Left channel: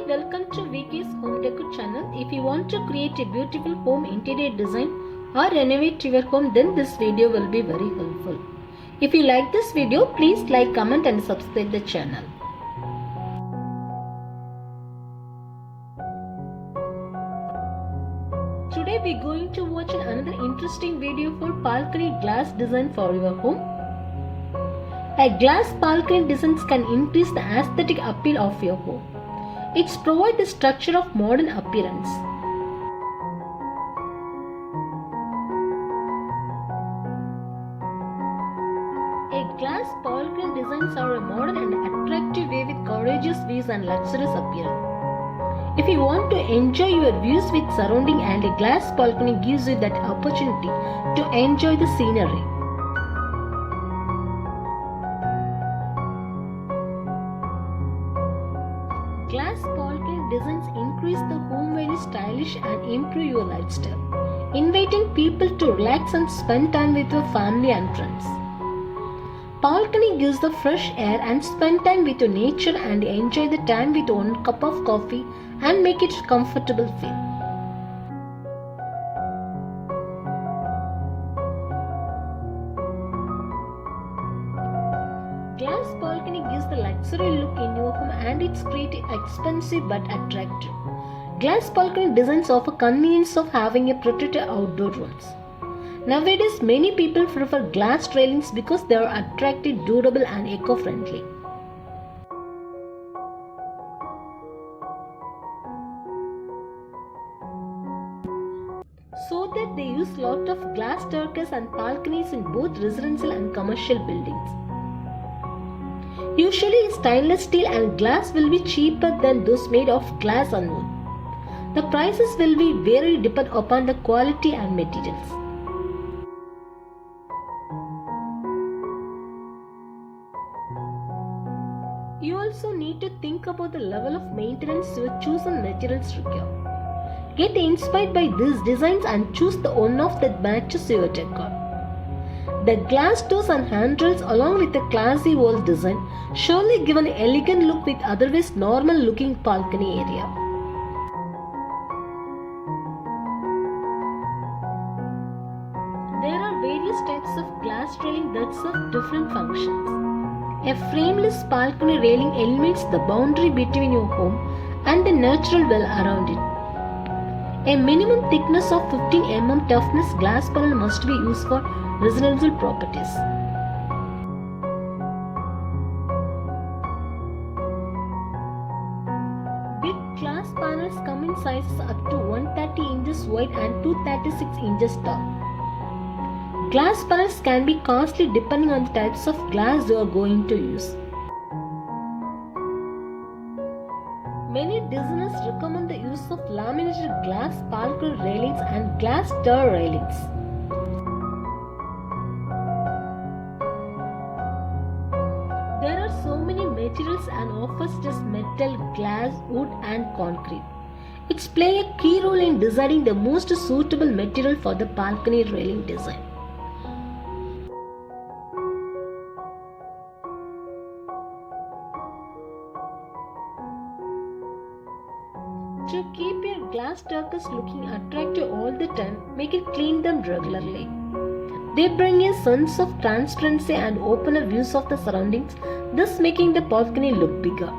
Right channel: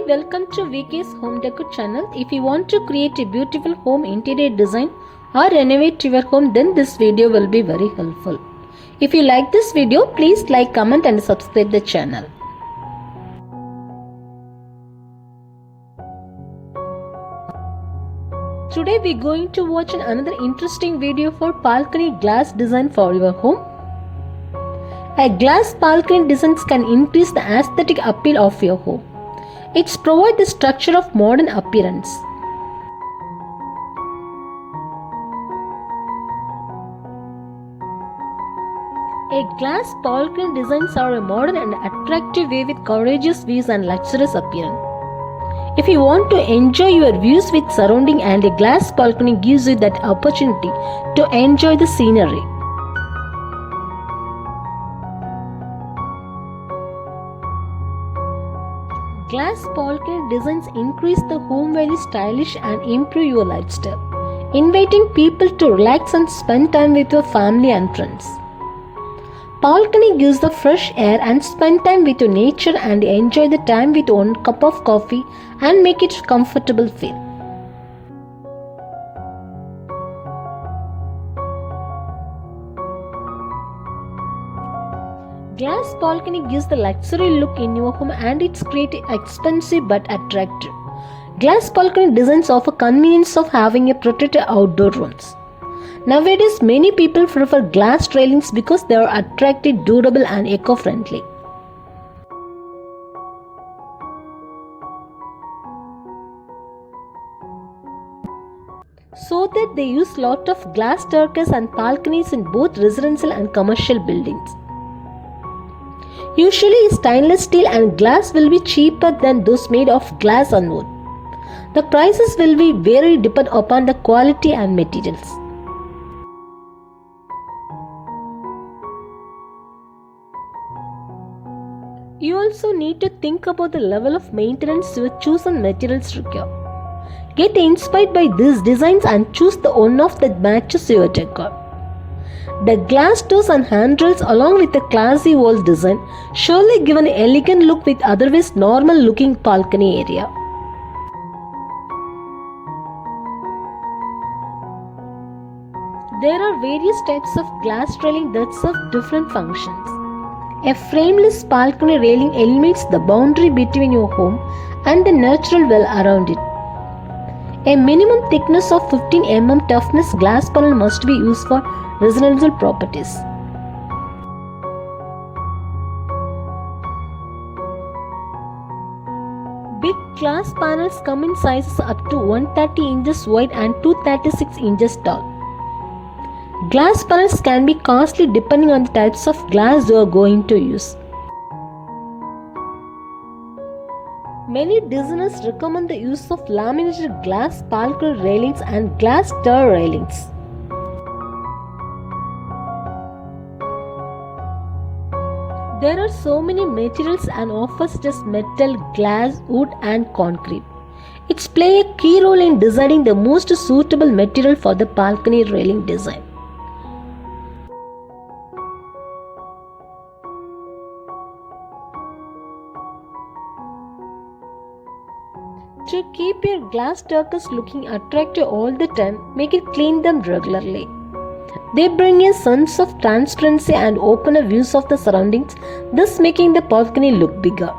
Hi, welcome to VK's Home Decor channel. If you want to create a beautiful home interior design or renovate your home, then this video will be very helpful. If you like this video, please like, comment and subscribe the channel. Today we are going to watch another interesting video for balcony glass design for your home. A glass balcony designs can increase the aesthetic appeal of your home. It provides the structure of modern appearance. A glass balcony designs are a modern and attractive way with gorgeous views and luxurious appearance. If you want to enjoy your views with surrounding, and a glass balcony gives you that opportunity to enjoy the scenery. Glass balcony designs increase the home very stylish and improve your lifestyle, inviting people to relax and spend time with your family and friends. Balcony gives the fresh air and spend time with your nature and enjoy the time with one cup of coffee and make it comfortable feel. Glass balcony gives the luxury look in your home, and it's creative, expensive but attractive. Glass balcony designs offer convenience of having a protected outdoor rooms. Nowadays, many people prefer glass railings because they are attractive, durable and eco-friendly. So that they use lot of glass staircases and balconies in both residential and commercial buildings. Usually, stainless steel and glass will be cheaper than those made of glass and wood. The prices will be vary depend upon the quality and materials. You also need to think about the level of maintenance your chosen materials require. Get inspired by these designs and choose the one of that matches your decor. The glass doors and handrails along with the classy wall design surely give an elegant look with otherwise normal looking balcony area. There are various types of glass railing that serve different functions. A frameless balcony railing eliminates the boundary between your home and the natural well around it. A minimum thickness of 15 mm toughness glass panel must be used for residential properties. Big glass panels come in sizes up to 130 inches wide and 236 inches tall. Glass panels can be costly depending on the types of glass you are going to use. Many designers recommend the use of laminated glass balcony railings and glass door railings. There are so many materials and offers such as metal, glass, wood and concrete. It's play a key role in deciding the most suitable material for the balcony railing design. To keep your glass staircase looking attractive all the time, make it clean them regularly. They bring a sense of transparency and open views of the surroundings, thus making the balcony look bigger.